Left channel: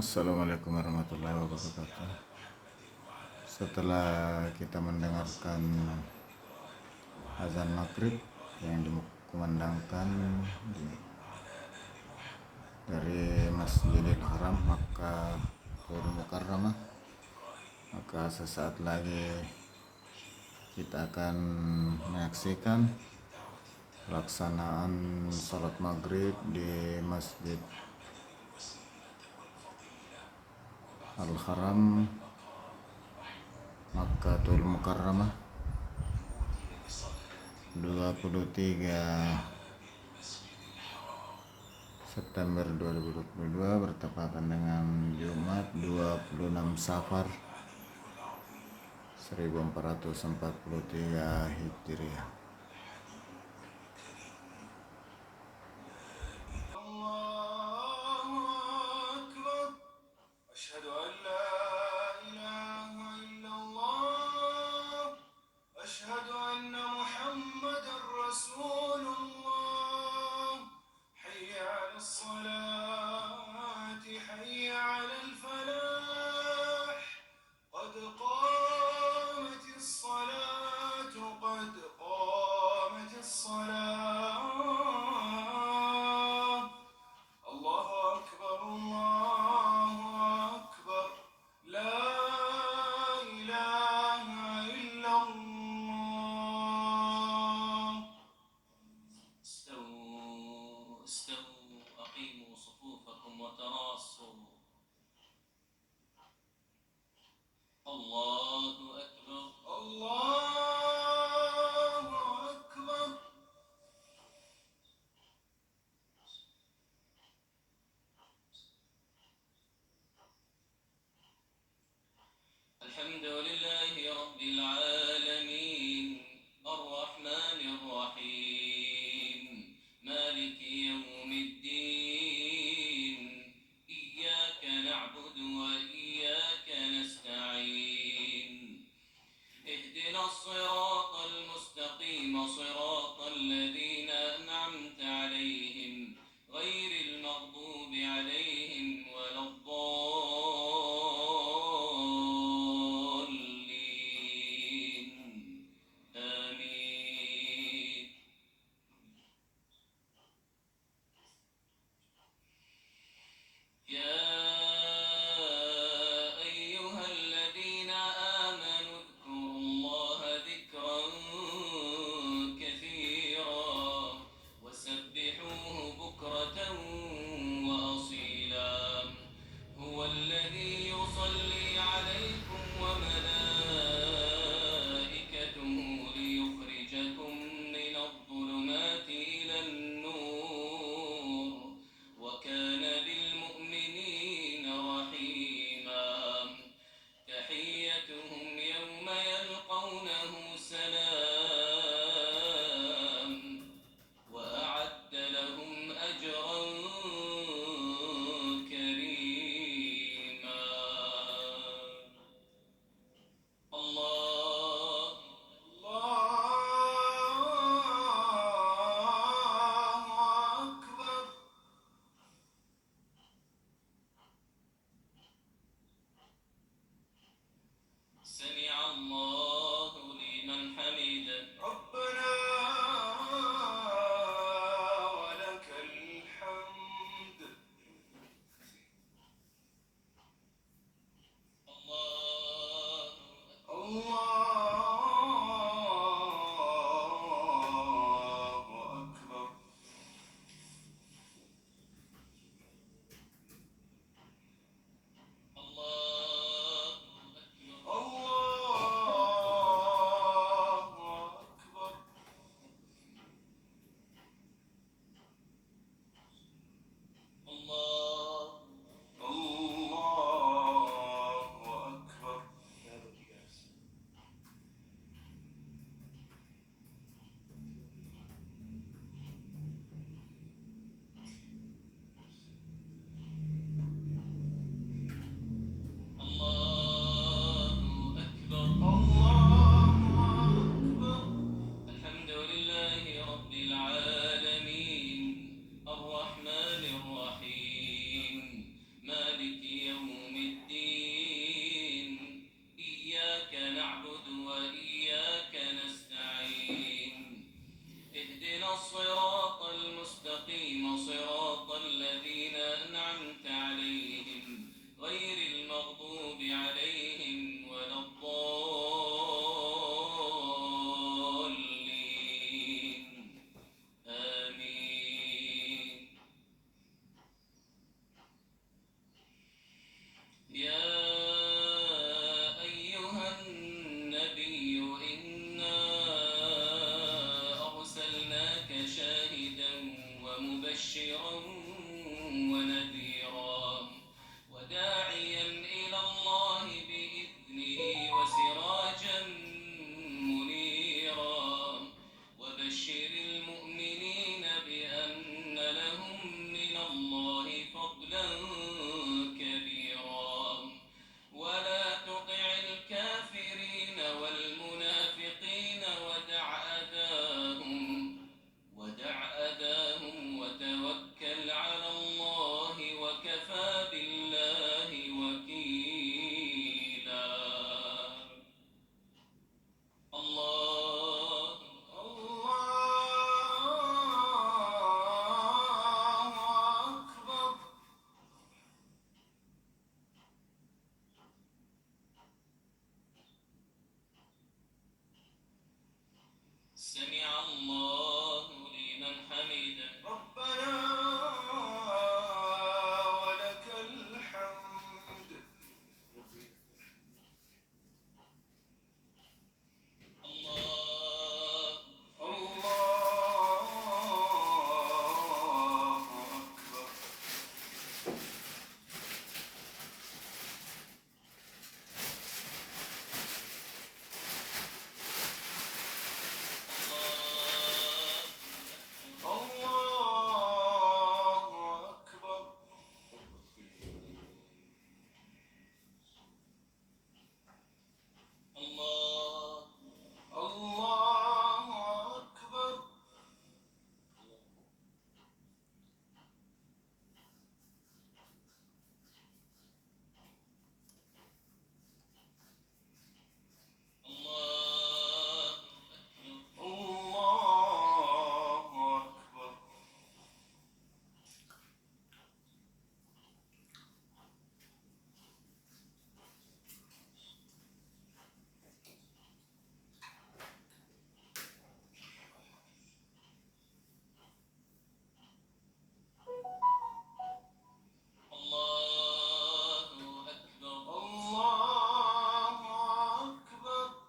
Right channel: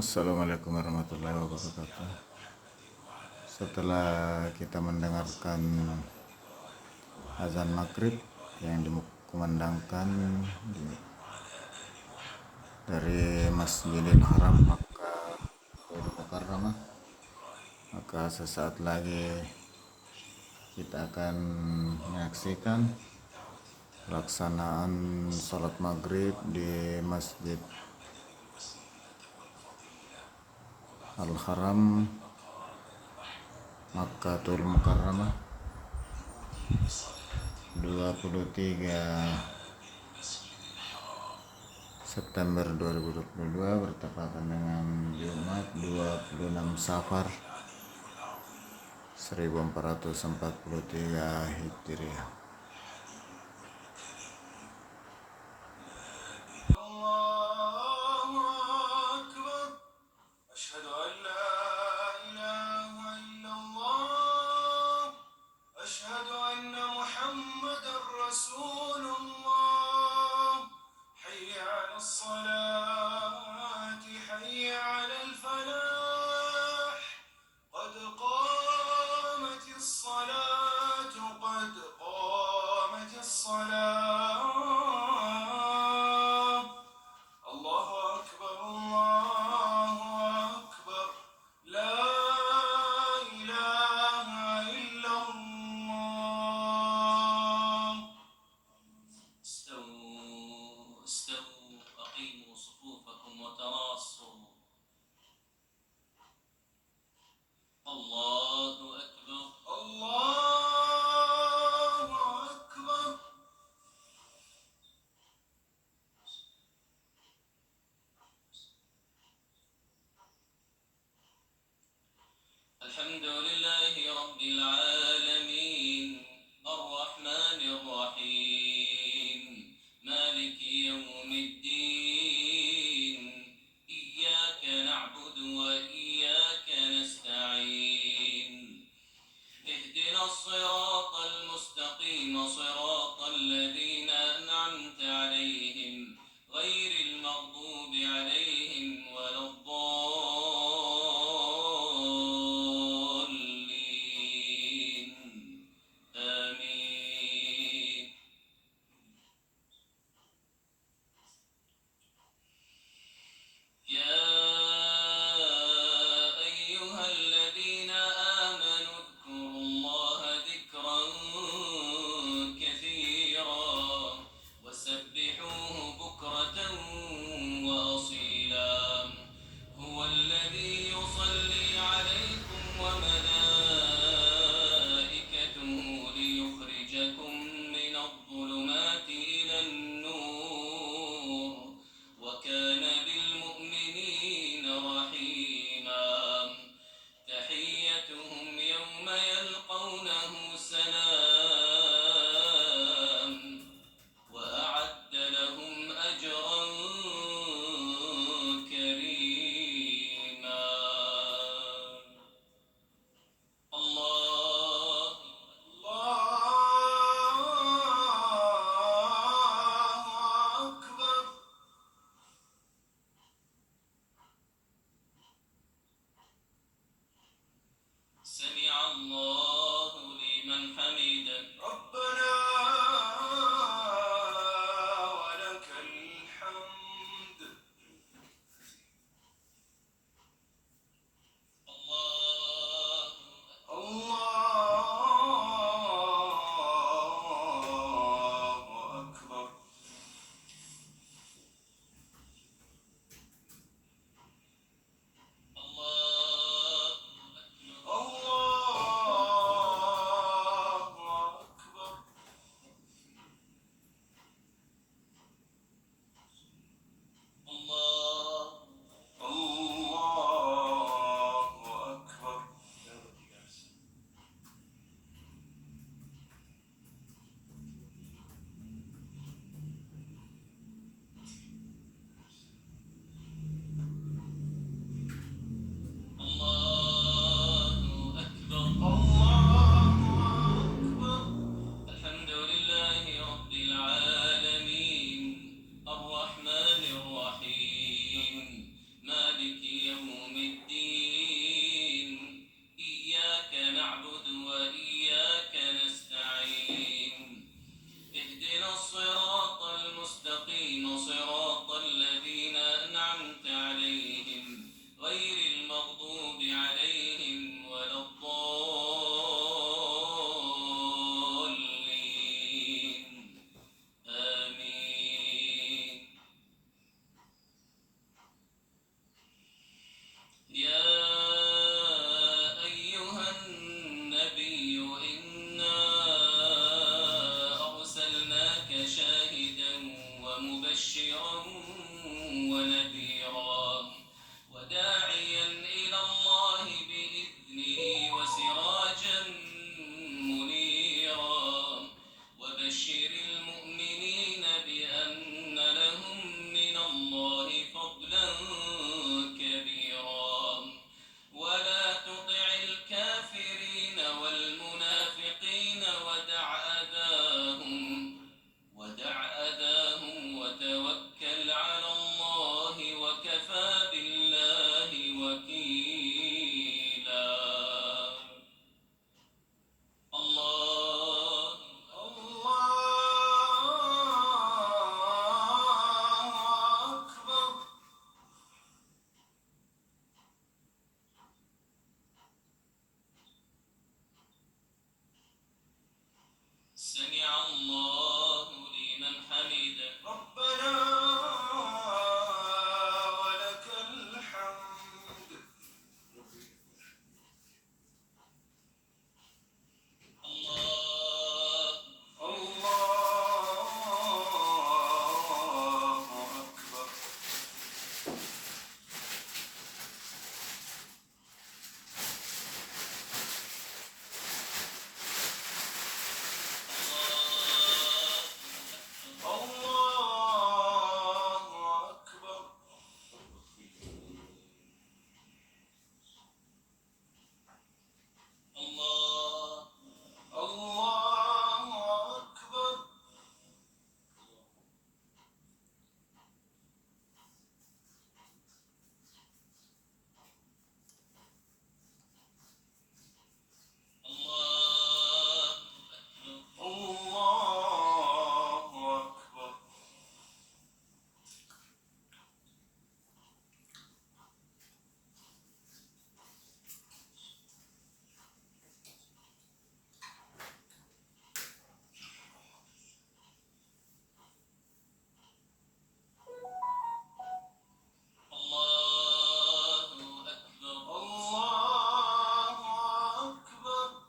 Assalamualaikum warahmatullahi wabarakatuh. Setelah kita mendengarkan azan maghrib yang dikumandangkan dari Masjidil Haram Makkahul Mukarramah, maka sesaat lagi kita akan menyaksikan pelaksanaan sholat maghrib di Masjid Al-Haram Makkahul Mukarramah 23 September 2022 bertepatan dengan Jumat 26 Safar 1443 Hijriah. مبشرا ونذيرا وداعيا إلى الله بإذنه وسراجا منيرا وبشر المؤمنين بأن لهم من الله فضلا كبيرا ولا تطع الكافرين والمنافقين ودع أذاهم وتوكل على الله وكفى بالله وكيلا. الله أكبر. سمع الله لمن حمده ربنا ولك الحمد. الله أكبر. الله أكبر. الله أكبر. الله أكبر. الله أكبر. الله أكبر.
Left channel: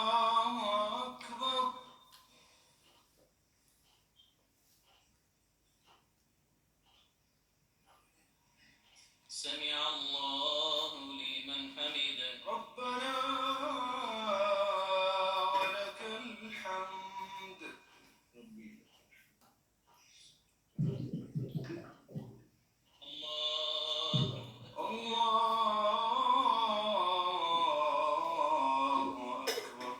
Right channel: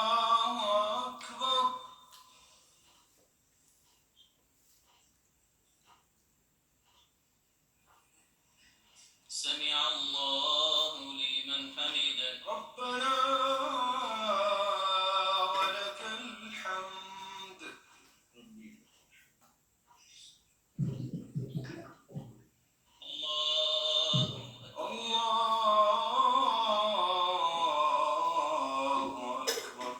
الله أكبر. سمع الله لمن حمده ربنا ولك الحمد. الله أكبر. الله أكبر.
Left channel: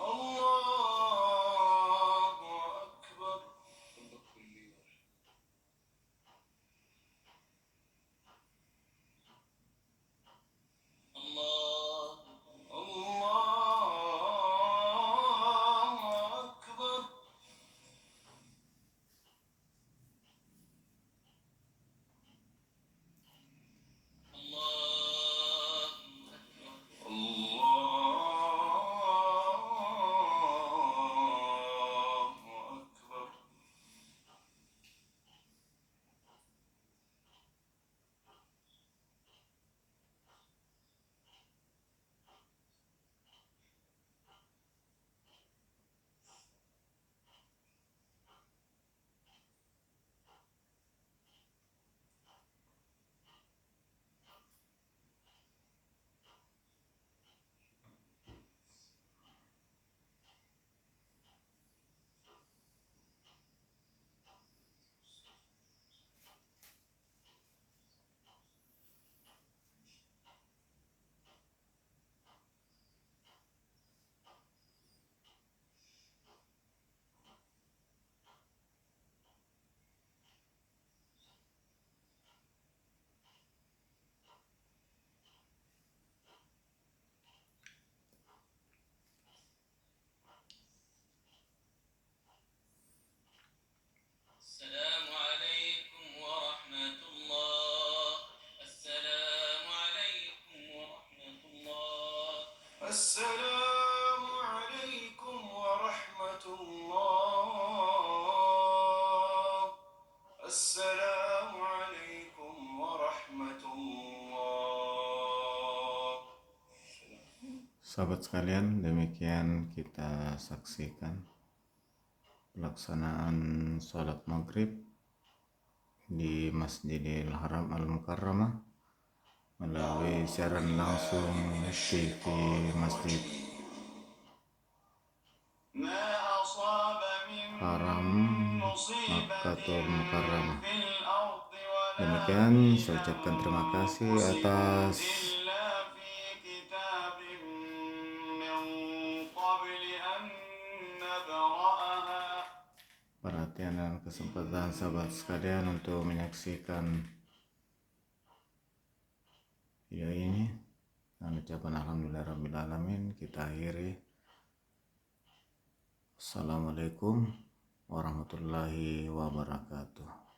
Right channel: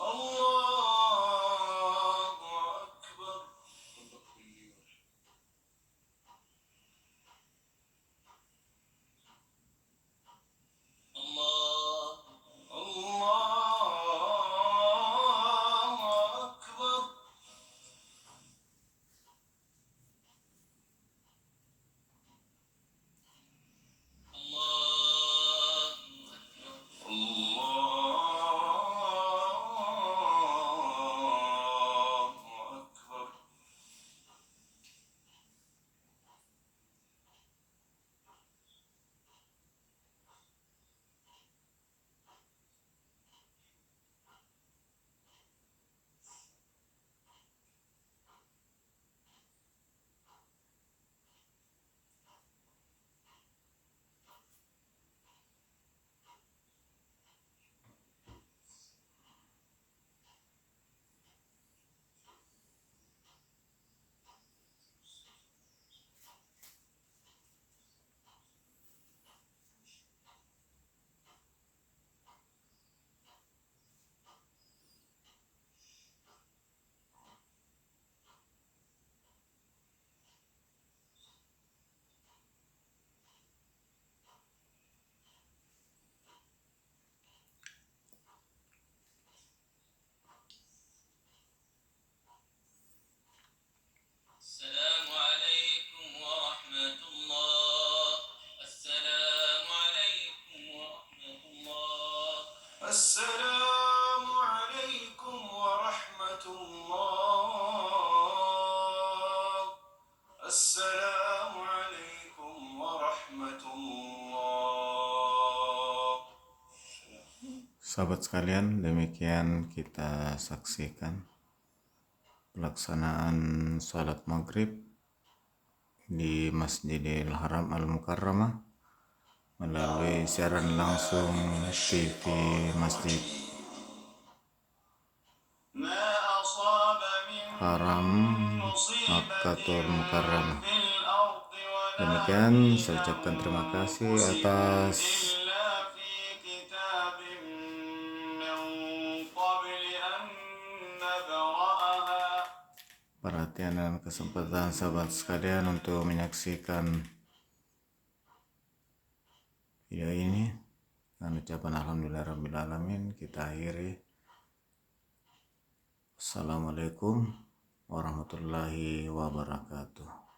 الله السلام عليكم ورحمة الله. السلام عليكم ورحمة الله. Sahabat sekalian, demikian kita saksikan pelaksanaan sholat maghrib di Masjidil Haram Al-Mukarramah melalui siaran langsung TV Masjid ما أصاب من Haram مصيبة Makkatul Mukarramah. في الأرض ولا Demikian saya ucapkan terima kasih atas إلا في كتاب من قبل أن نبرأها. perhatian dan kesempatan sahabat sekalian untuk menyaksikan video ini. Dengan ucapan alhamdulillahirrahmanirrahim kita akhiri. Assalamualaikum warahmatullahi wabarakatuh.